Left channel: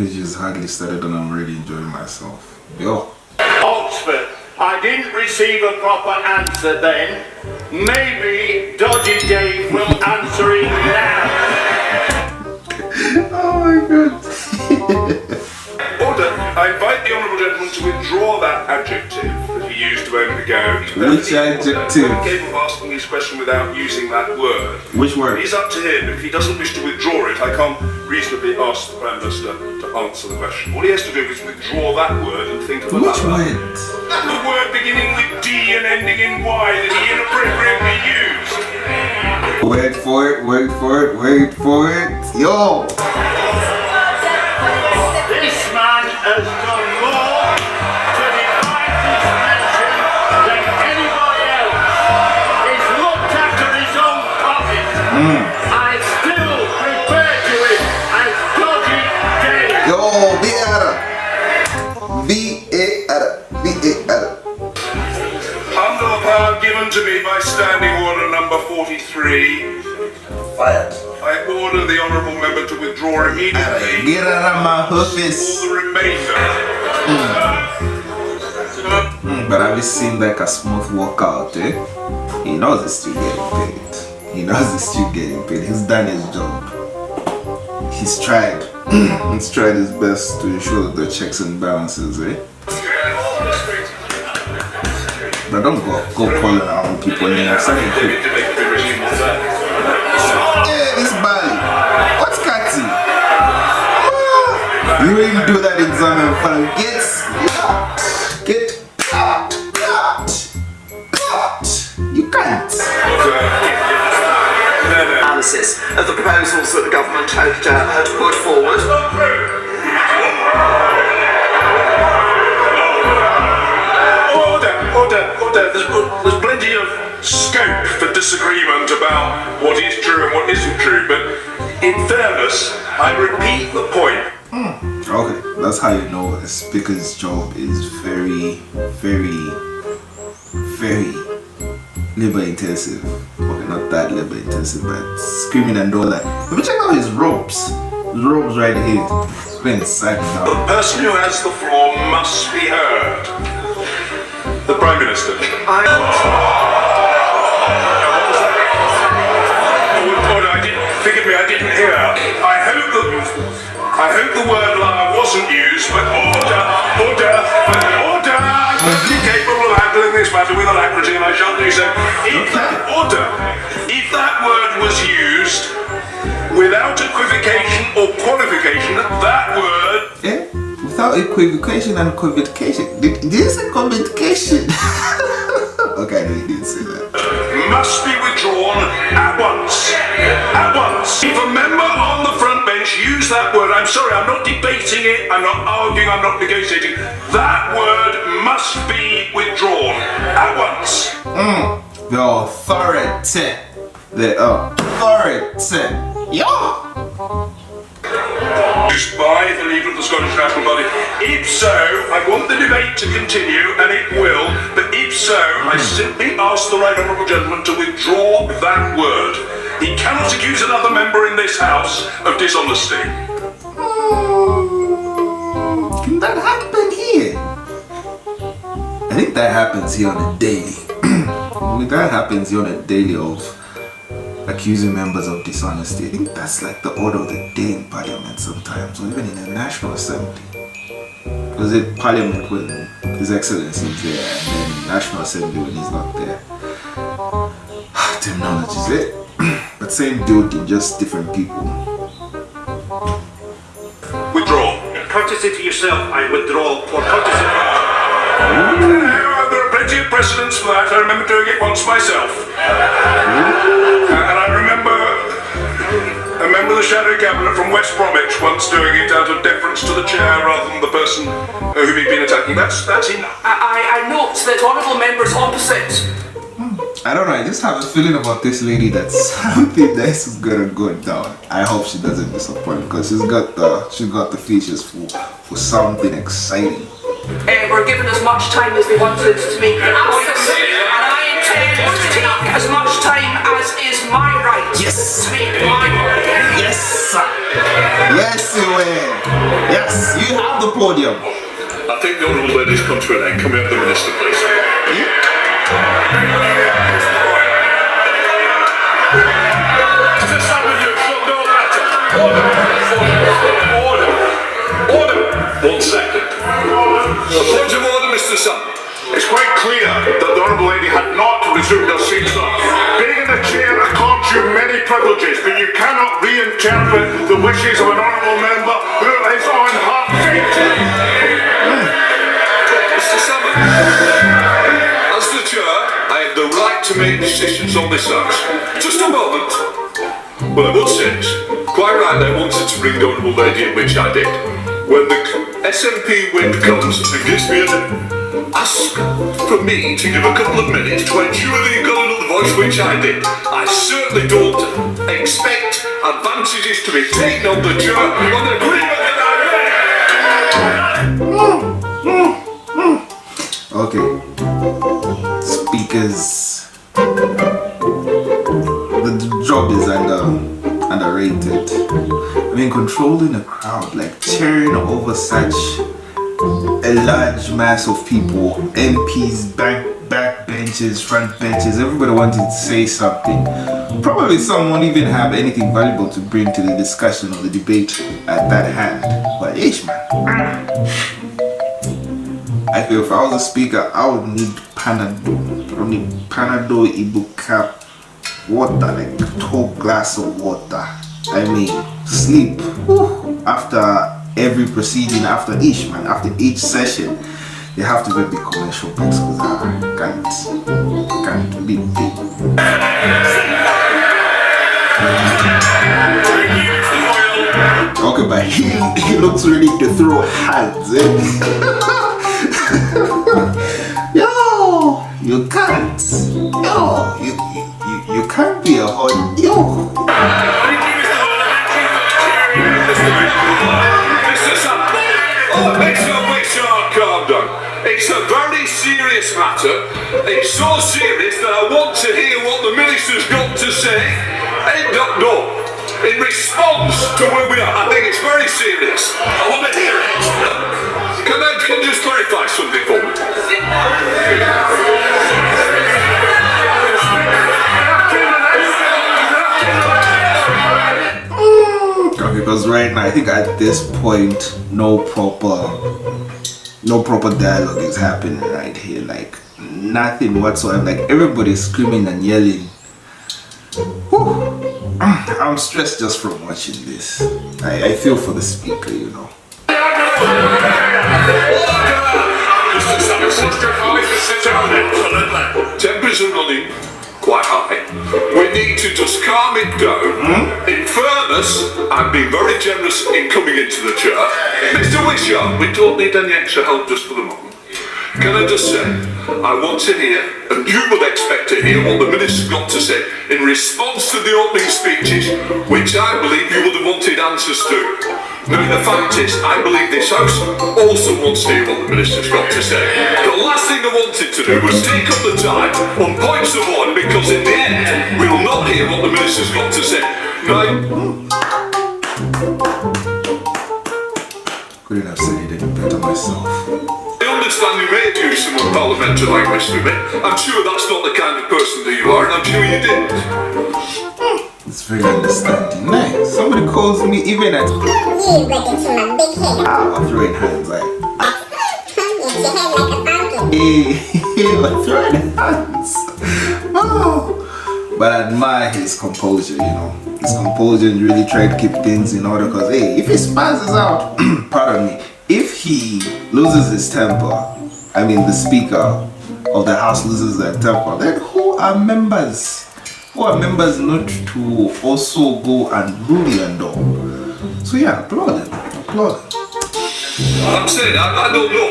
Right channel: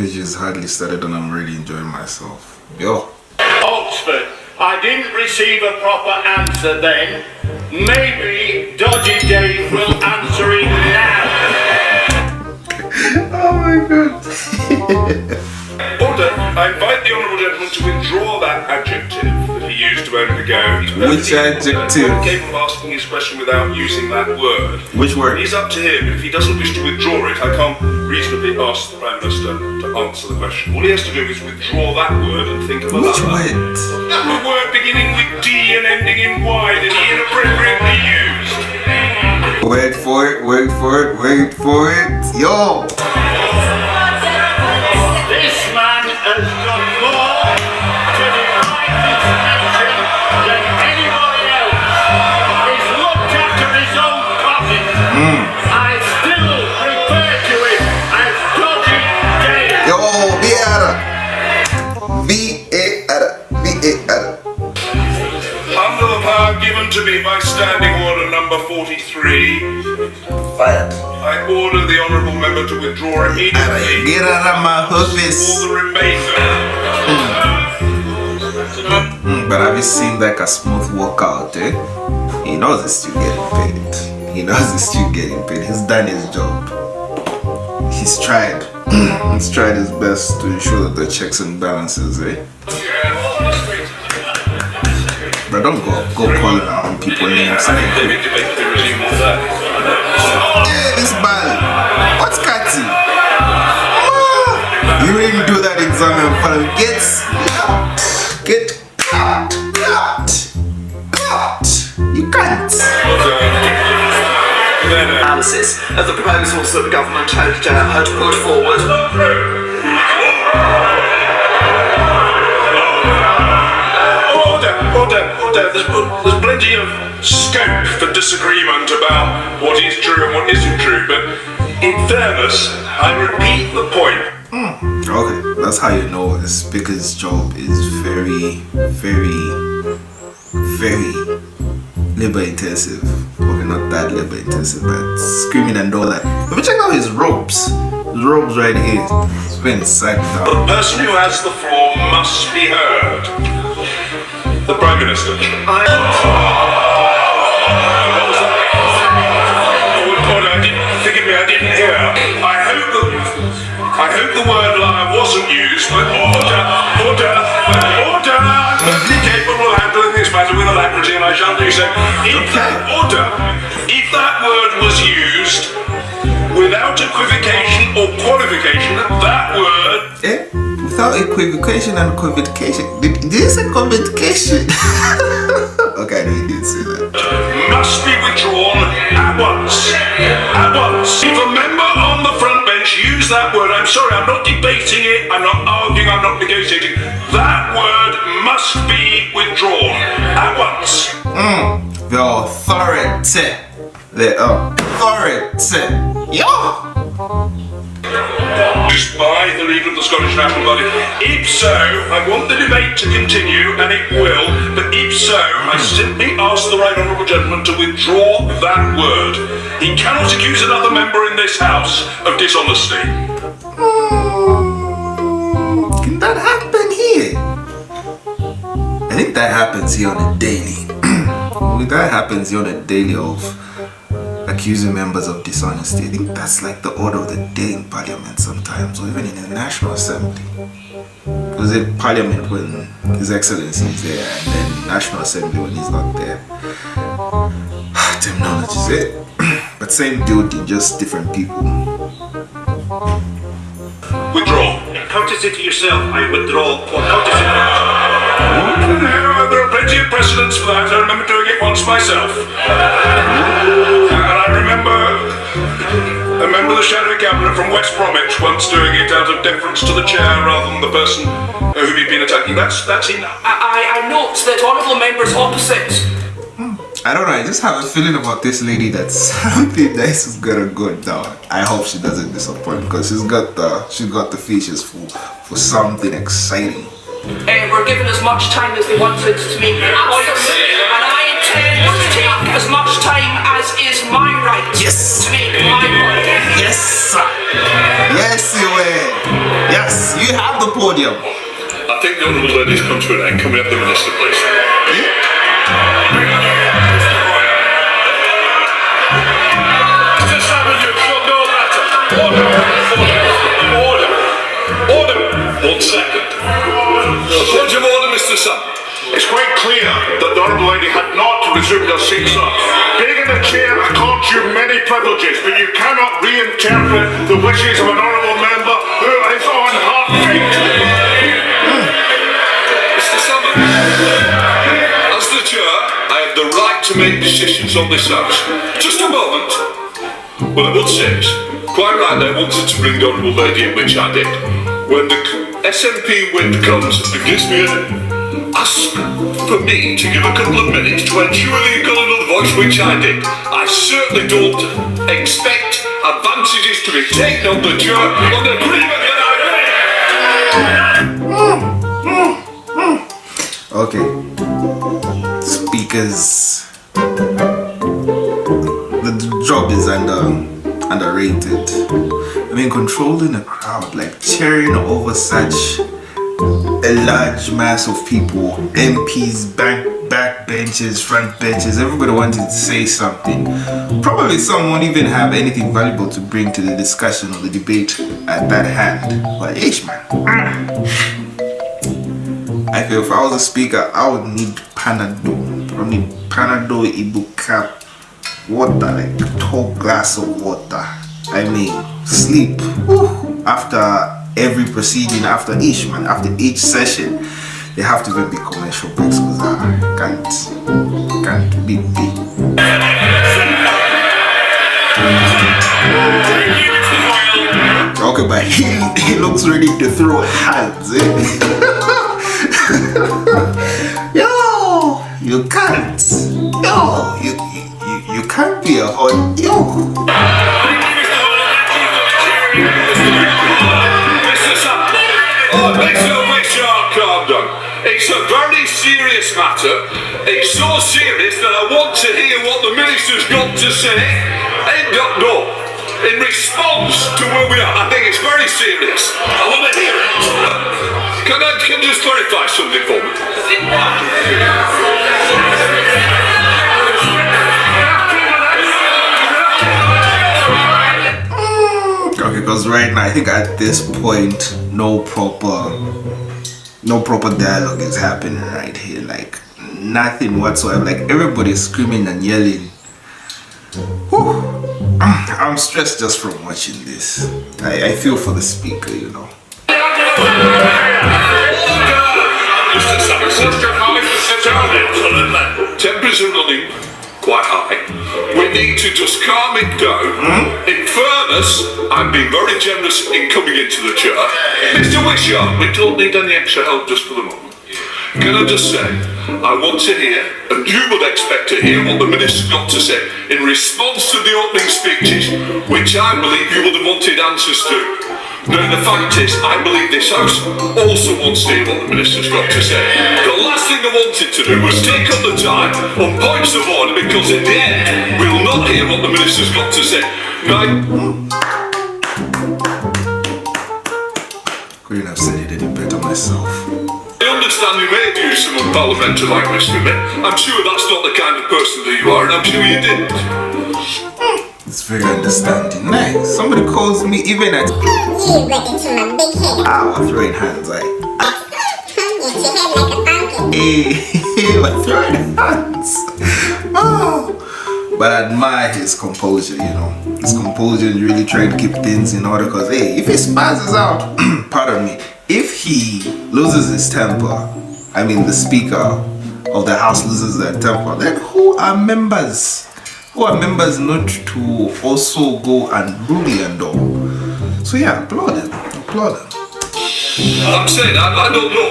Which is hardly started and I'm really enjoying myself. Yo. Oxford. I didn't receive a proper answer then. Maybe Dodgy Dave will answer it now. Oh my god. Order. I invite the honourable gentleman to withdraw that adjective that he used a moment ago. Which adjective? He gave him asking his question without using that word. Which word? It's up to him. If he doesn't wish to withdraw it, I can't reasonably ask the Prime Minister to answer the question. All he has to do is withdraw that word and think of another. Which word? The word beginning with D and ending in Y that he inappropriately used. Word for it, word for it, word for it. Yo! This man has done more to define this nation than anybody else. He's looked after his own coffin. I still refer to it as Dodgy Dave. Yo, B-A-R-A. Under the power given to me by Standing Order number 43, Fire. I order the honourable member to withdraw immediately. Get out of my For office. the remainder. But have you seen like a smooth workout, eh? He knows he's still getting paid. He knows he's still getting paid. He's done his job. He's tried. He's tried his best to ensure that the checks and balances, eh? But don't go calling around people names. Hey, this Bali. What's Kati? You really do that exam and get you can't. Analysis of the proposals that the government had put forward. Order. There's plenty of scope for disagreement about what is true and what isn't true, but in fairness, I repeat the point. Okay, that's how you know the speaker's job is very labor intensive. Okay, not that labor intensive, but screaming and all that. If you check out his ropes right here, it's been side down. The person who has the floor must be heard. The Prime Minister. Order, forgive me, I didn't hear. I hope the word liar wasn't used, but order. I'm perfectly capable of handling this matter with alacrity, and I shall do so. If that word was used without equivocation or qualification, that word. Without equivocation and qualification. Did you say qualification? Okay, no, you didn't say that. Must be withdrawn at once. At once. If a member on the front bench use that word, I'm sorry, I'm not debating it, I'm not arguing, I'm not negotiating. That word must be withdrawn at once. The authority. The authority. Yo! Used by the leader of the Scottish National Party. If so, I want the debate to continue, and it will, but if so, I simply ask the right honourable gentleman to withdraw that word. He cannot accuse another member in this House of dishonesty. Can that happen here? I think that happens here on a daily. That happens here on a daily of accusing members of dishonesty. I think that's like the order of the day in Parliament sometimes, or even in the National Assembly. Was it Parliament when His Excellency is there, and then National Assembly when he's not there? Terminology is it? But same duty, just different people. Withdraw. Courtesy to yourself, I withdraw for courtesy. There are plenty of precedents for that. I remember doing it once myself. And I remember the Shadow Cabinet from West Bromwich once doing it out of deference to the chair rather than the person whom he'd been attacking. That's enough. I note that honourable members opposite. I don't know, I just have a feeling about this lady that something nice is gonna go down. I hope she doesn't disappoint, because she's got the features for something exciting. We're given as much time as they wanted to make their points, and I intend to take as much time as is my right Yes. to make my point. Yes, sir. Yes, you will. Yes. Yes, you have the podium. I think the honourable lady's come to an end. Can we have the minister, please? Mr. Salmon, you should know better. Order. 1 second. Point of order, Mr. Salmon. It's quite clear that the Honourable Lady had not resumed her seat, sir. Being in a chair accords you many privileges, but you cannot reinterpret the wishes of an honourable member who is on her feet. Mr. Salmon, as the chair, I have the right to make decisions on this house. Just a moment. Well, I would say this. Quite right, I wanted to bring the Honourable Lady in, which I did. When the SNP whip comes and gives me ask for me to give a couple of minutes to ensure that you've got another voice, which I did. I certainly don't expect advantages to be taken on the chair on the agreement. Okay. Speakers. The job is underrated. I mean, controlling a crowd, like cheering over such a large mass of people, MPs, back benches, front benches, everybody wanted to say something. Probably some won't even have anything valuable to bring to the discussion or the debate at that hand. But ish, man. I feel if I was a speaker, I would need Panadol. I would need Panadol, Ibuka, water, like a tall glass of water. I mean, sleep. Whew. After every proceeding, after each session, they have to be commercial breaks because I can't be big. Okay, but he looks ready to throw hands. Yo, you can't. Yo, you can't be a hot yo. Calm down. It's a very serious matter. It's so serious that I want to hear what the minister's got to say. In response to where we are, I think it's very serious. I want to hear it. Can you just clarify something for me? Okay, because right now I think at this point no proper dialogue is happening right here, like nothing whatsoever, like everybody's screaming and yelling. Whew. I'm stressed just from watching this. I feel for the speaker, you know. Temperatures are running quite high. We need to just calm it down. In fairness, I've been very generous in coming into the chair. Mr. Wishart, we don't need any extra help just for the moment. Can I just say, I want to hear, and you would expect to hear, what the minister's got to say in response to the opening speeches, which I believe you would have wanted answers to. Now, the fact is, I believe this House also wants to hear what the minister's got to say. The last thing I wanted to do was take up the time on points of order, because in the end, we will not hear what the minister's got to say. Now, couldn't have said it any better myself. I understand you may have used some unparliamentary language to me. I'm sure that's not the kind of person that you are, and I'm sure you didn't. It's very understanding. Nice. Somebody calls me even at You got it to my big head. I'm throwing hands like It's your head like a pumpkin. hey, I'm throwing hands. Oh. But I admire his composure, you know. His composure and really trying to keep things in order, because hey, if he spazzes out, pardon me, if he loses his temper, I mean the speaker of the house loses their temper, then who are members not to also go and bully and all? So yeah, applaud him. I'm saying, I don't know.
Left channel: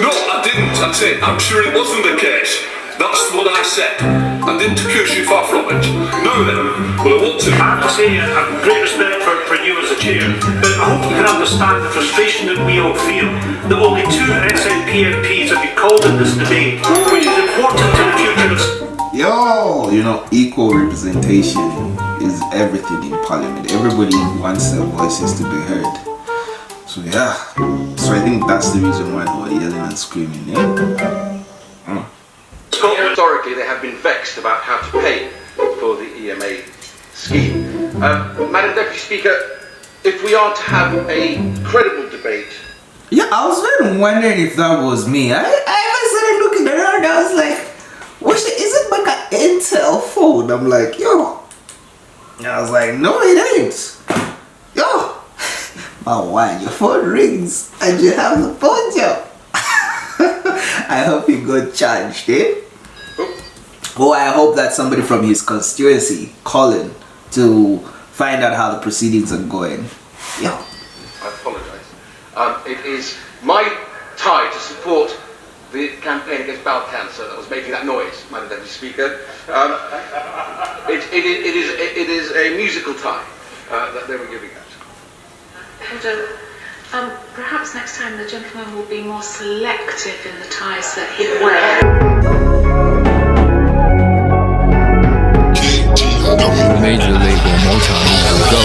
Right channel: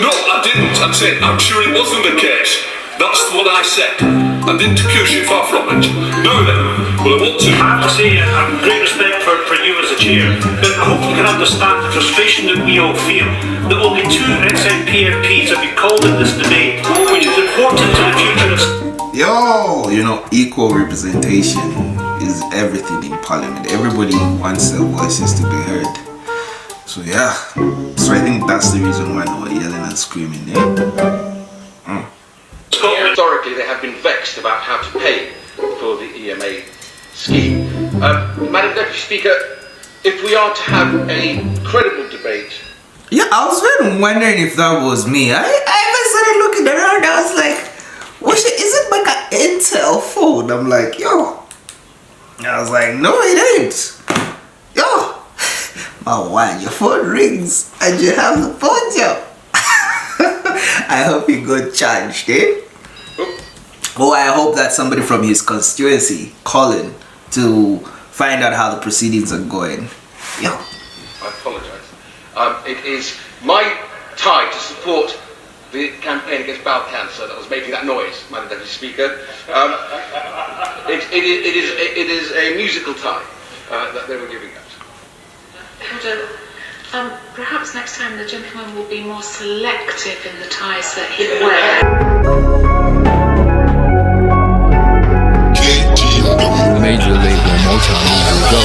No, I didn't. I'm saying, I'm sure it wasn't the case. That's what I said. I didn't accuse you far from it. Now then, well, I want to... I have to say, I have great respect for you as a chair, but I hope you can understand the frustration that we all feel that only 2 SNP MPs have been called in this debate, which is important to the future of... Yo, you know, equal representation is everything in Parliament. Everybody wants their voices to be heard. So yeah, so I think that's the reason why they were yelling and screaming. Historically, they have been vexed about how to pay for the EMA scheme. Madam Deputy Speaker, if we are to have a credible debate. Yeah, I was really wondering if that was me. I even started looking around. I was like, is it like an Intel phone? I'm like, yo. I was like, no, it ain't. Yo. Oh, why your phone rings and you have the phone job? I hope you got charged, eh? Oh, I hope that somebody from his constituency calling to find out how the proceedings are going. Yo. I apologise. It is my tie to support the campaign against bowel cancer that was making that noise, Madam Deputy Speaker. It is a musical tie that they were giving out. Perhaps next time the gentleman will be more selective in the ties that he wears. Major label Motown Music.